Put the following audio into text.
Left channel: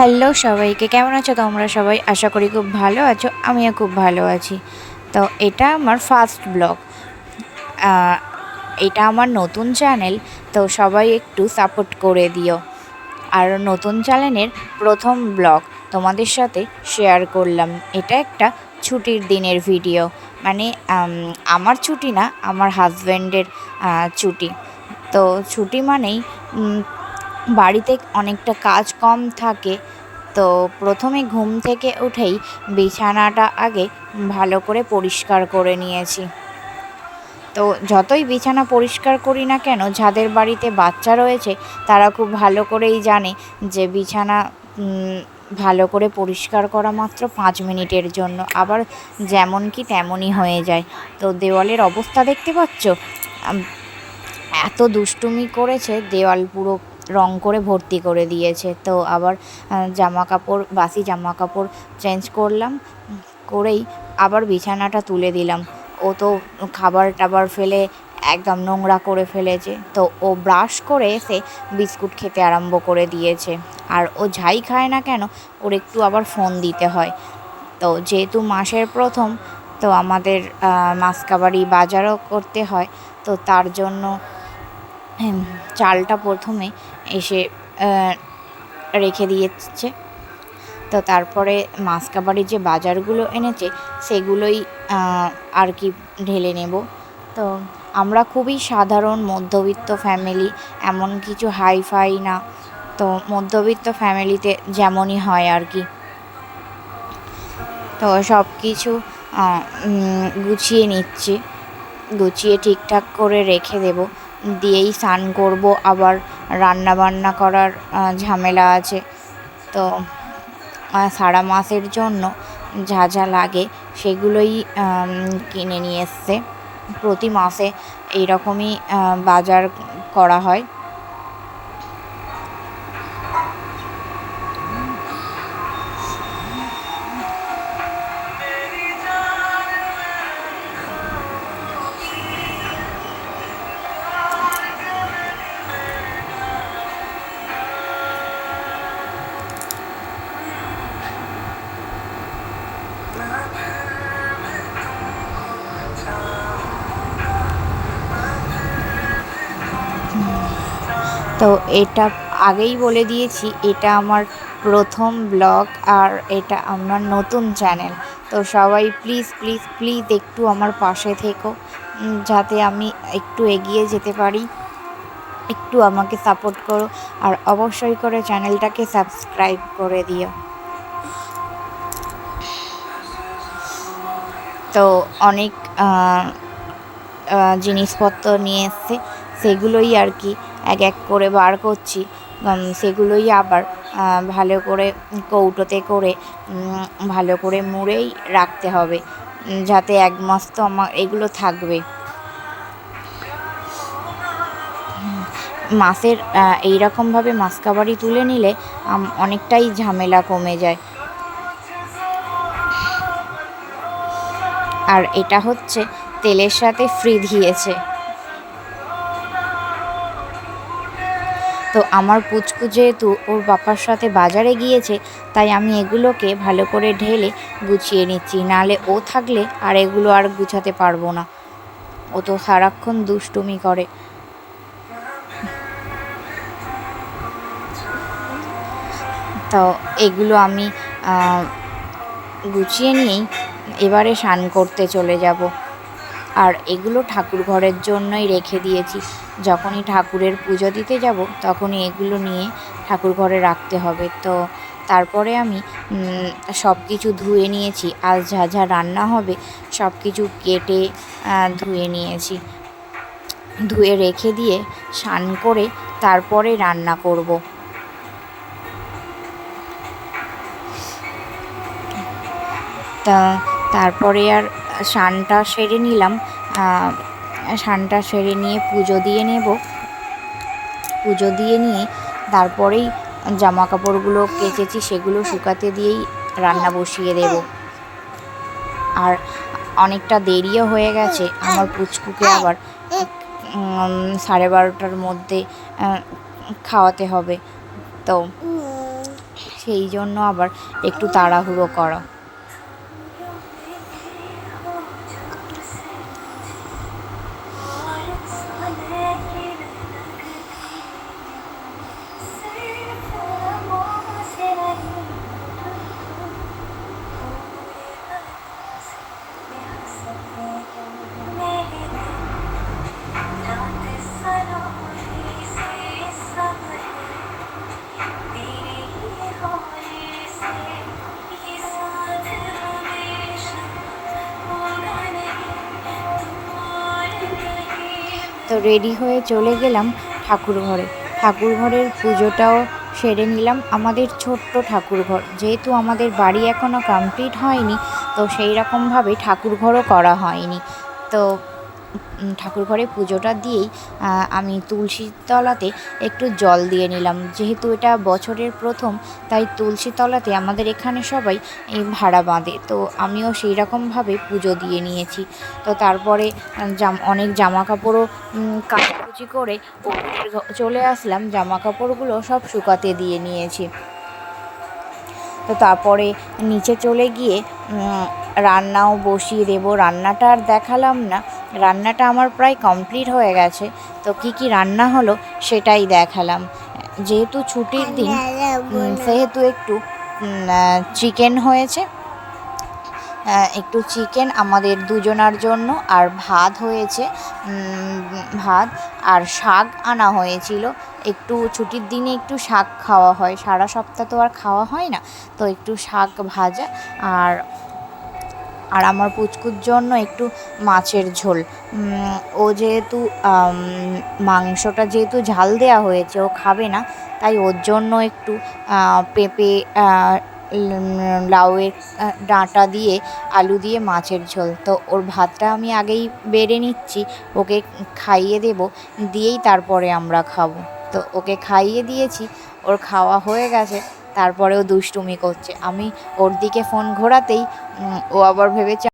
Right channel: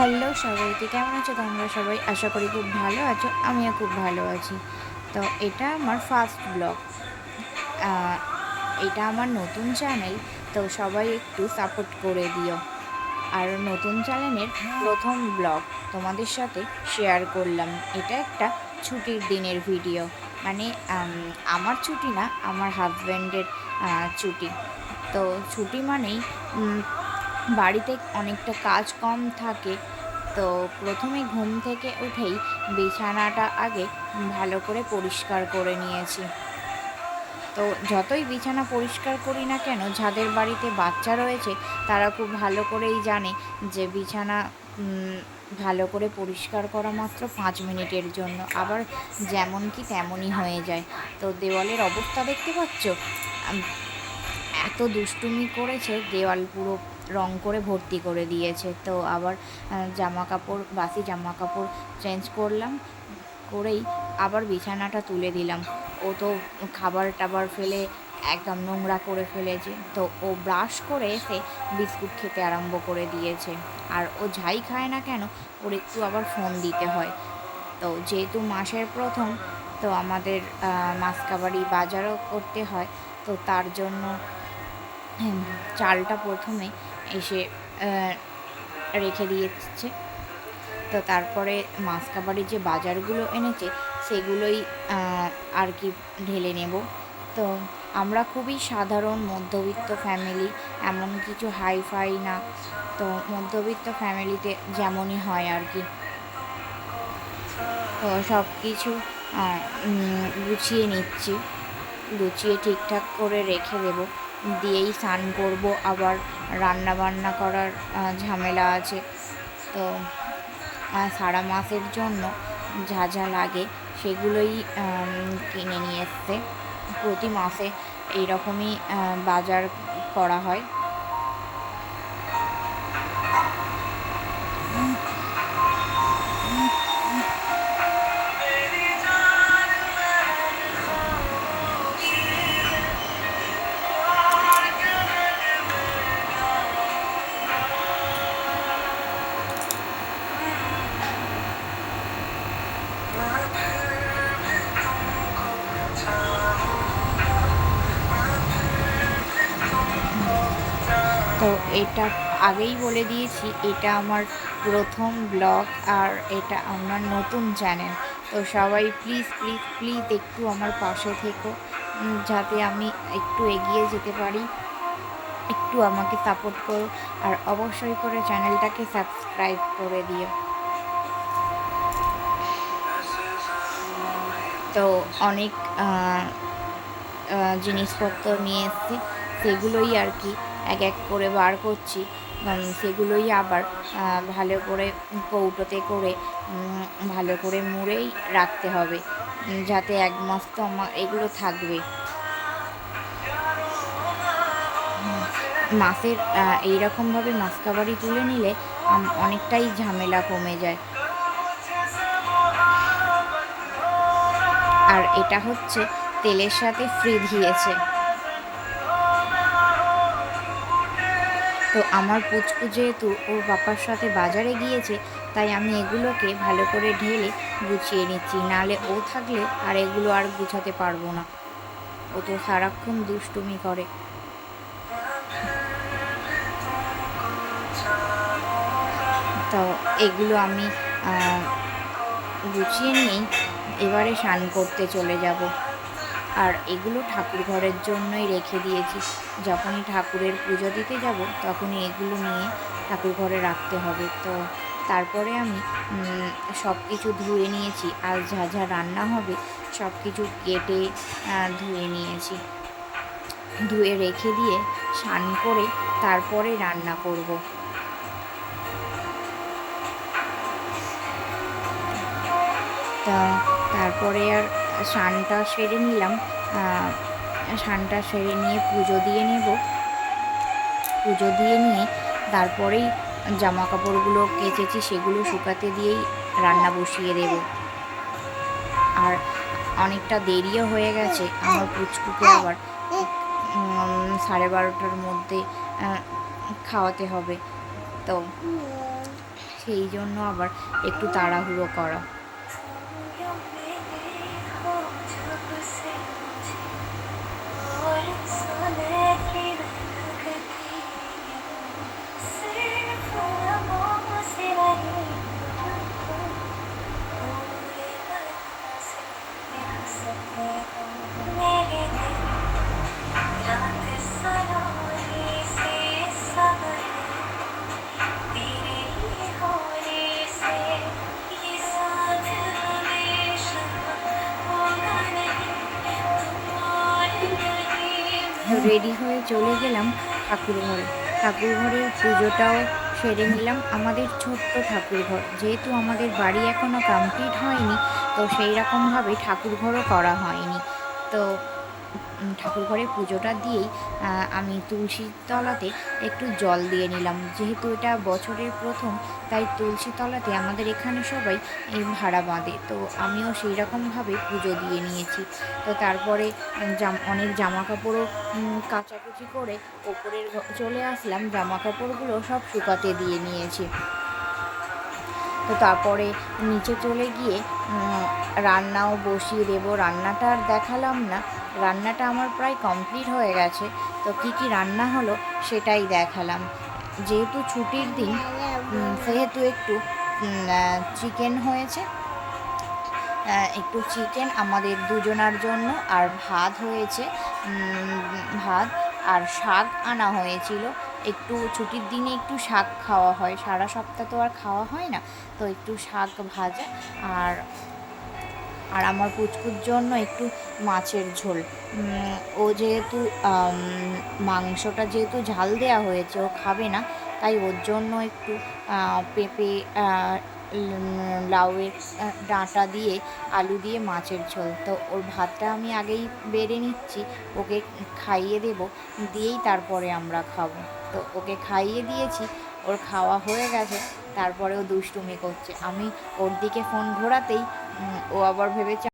Hello সবাইকে, কেমন আছো তোমরা সবাই? আশা করি খুব ভালো আছো, আমিও খুব ভালো আছি। তো এটা আমার ফার্স্ট ব্লগ। এটা আমার নতুন চ্যানেল, তো সবাই একটু সাপোর্ট করে দিও। আর নতুন চ্যানেলের প্রথম ব্লগ তোমাদের সাথে শেয়ার করলাম। এটা একটা ছুটির দিনের ভিডিও, মানে আমার ছুটি না, আমার হাজব্যান্ডের ছুটি। তো ছুটি মানেই বাড়িতে অনেকটা কাজ কম থাকে। তো প্রথমে ঘুম থেকে উঠেই বিছানাটা আগে ভালো করে পরিষ্কার করে নিয়েছি। তো যতই বিছানা পরিষ্কার করি না কেন, যাদের বাড়িতে বাচ্চা রয়েছে তারা খুব ভালো করেই জানে যে বিছানা ভালো করে পরিষ্কার করা মাত্র 5 মিনিটের জন্য, আবার যেমন কি তেমনই হয়ে যায়। তো দেওয়ালের অবস্থা দেখতে পাচ্ছ, এত দুষ্টুমি করেছে, দেওয়াল পুরো রং করে ভর্তি করে দিয়েছে। তো আবার বাসি জামা কাপড় চেঞ্জ করলাম, করেই আবার বিছানাটা তুলে দিলাম। ও তো খাবার টাবার ফেলে একদম নোংরা করে ফেলেছে। তো ও ব্রাশ করে এসে বিস্কুট খেতে আরম্ভ করে দিয়েছে। আর ও যাই খায় না কেন, ওর একটু আবার ফোন দিতে হয়। তো যেহেতু মাসের প্রথম, তো আমাদের মাসকাবাড়ি বাজারও করতে হয়। তো তার জন্য চালটা প্রথমে এসে রেখে দিয়েছে। তো তারপরে মাসকাবাড়ির যে বাজারগুলো এনেছে সেগুলোই আর কি ঢেলে নেব। তো আমরা খুবই সাধারণ মধ্যবিত্ত ফ্যামিলি, এমন কিছু হাইফাই না। তো মধ্যবিত্ত ফ্যামিলিতে যেমনই হয় আর কি। তো সব কিছু গুছিয়ে নিচ্ছি, গুছিয়ে ঠিকঠাক করে রেখে দেব, দিয়েই স্নান করব। আবার রান্না বান্না করার ঝামেলা আছে। তো সারা মাসের জন্য যা যা লাগে সেগুলোই কিনে নিয়ে এসছে। প্রতি মাসে এইরকমই বাজার করা হয়। তো এটা আগেই বলে দিয়েছি, এটা আমার প্রথম ব্লগ, আর এটা আমার নতুন চ্যানেল। তো সবাই প্লিজ প্লিজ প্লিজ একটু আমার পাশে থেকো, যাতে আমি একটু এগিয়ে যেতে পারি। একটু আমাকে সাপোর্ট করো, আর অবশ্যই করে চ্যানেলটাকে সাবস্ক্রাইব করে দিও। তো অনেক জিনিসপত্র নিয়ে এসছে, সেগুলোই আর কি এক এক করে বার করছি। সেগুলোই আবার ভালো করে কৌটোতে করে ভালো করে মুড়েই রাখতে হবে, যাতে 1 মাস তো আমার এগুলো থাকবে। মাসের এইরকমভাবে মাসকাবারি তুলে নিলে অনেকটাই ঝামেলা কমে যায়। আর এটা হচ্ছে তেলের সাথে ফ্রি দিয়েছে। তো আমার পুচকু যেহেতু ওর বাবার সাথে বাজারে গিয়েছে, তাই আমি এগুলোকে ভালো করে ঢেলে গুছিয়ে নিচ্ছি, নাহলে ও থাকলে আর এগুলো আর গুছাতে পারবো না। ও তো সারাক্ষণ দুষ্টুমি করে। তো এগুলো আমি গুছিয়ে নিয়েই এবারে স্নান করতে চলে যাব। আর এগুলো ঠাকুর ঘরের জন্যই রেখে দিয়েছি, যখনই ঠাকুরের পুজো দিতে যাব তখনই এগুলো নিয়ে ঠাকুর ঘরে রাখতে হবে। তো তারপরে আমি সব কিছু ধুয়ে নিয়েছি, আজ যা যা রান্না হবে সব কিছু কেটে ধুয়ে নিয়েছি, ধুয়ে রেখে দিয়ে স্নান করে তারপরে রান্না করব। তা তারপরে আর স্নানটা সেরে নিলাম। স্নানটা সেরে নিয়ে পুজো দিয়ে নেব। পুজো দিয়ে নিয়ে তারপরেই জামা কাপড়গুলো কেচেছি সেগুলো শুকাতে দিয়েই রান্না বসিয়ে দেব। আর অনেকটা দেরিও হয়ে গেছে, আমার পুচকুকে আবার 12:30টার মধ্যে খাওয়াতে হবে। তো সেই জন্য আবার একটু তাড়াহুড়ো করা। তো রেডি হয়ে চলে গেলাম ঠাকুর ঘরে। ঠাকুর ঘরের পুজোটাও সেরে নিলাম। আমাদের ছোট্ট ঠাকুর ঘর, যেহেতু আমাদের বাড়ি এখনও কমপ্লিট হয়নি, তো সেই রকমভাবে ঠাকুর ঘরও করা হয়নি। তো ঠাকুর ঘরে পুজোটা দিয়েই আমি তুলসীর তলাতে একটু জল দিয়ে নিলাম। যেহেতু এটা বছরের প্রথম, তাই তুলসী তলাতে আমাদের এখানে সবাই ভাড়া বাঁধে, তো আমিও সেই রকমভাবে পুজো দিয়ে নিয়েছি। তো তারপরে অনেক জামা কাপড়ও কাচাকুচি করে ওপরে চলে আসলাম। জামা কাপড়গুলো সব শুকাতে দিয়ে নিয়েছি। তো তারপরে নিচে চলে গিয়ে রান্নাও বসিয়ে দেবো। রান্নাটা আর দেখালাম না, রান্নাটা আমার প্রায় কমপ্লিট হয়ে গেছে। তো কি রান্না হলো সেটাই দেখালাম। যেহেতু ছুটির দিন, সেহেতু একটু চিকেন হয়েছে, একটু চিকেন আমাদের দুজনার জন্য, আর ভাত হয়েছে, ভাত আর শাক আনা হয়েছিল। একটু ছুটির দিনে একটু শাক খাওয়া হয়, সারা সপ্তাহ তো আর খাওয়া হয় না, তো একটু শাক ভাজা। আর আর আমার পুচকুর জন্য একটু মাছের ঝোল। ও যেহেতু মাংসটা যেহেতু ঝাল দেওয়া হয়েছে, ও খাবে না, তাই ওর জন্য একটু পেঁপে, লাউয়ের ডাঁটা দিয়ে আলু দিয়ে মাছের ঝোল। তো ওর ভাতটা আমি আগেই বেড়ে নিচ্ছি, ওকে খাইয়ে দেব, দিয়েই তারপরে আমরা খাবো। তো ওকে খাইয়ে দিয়েছি, ওর খাওয়া হয়ে গেছে, তারপরেও দুষ্টুমি করছে। আমি ওর দিকে ফোন ঘোরাতেই ও আবার ভেবেছে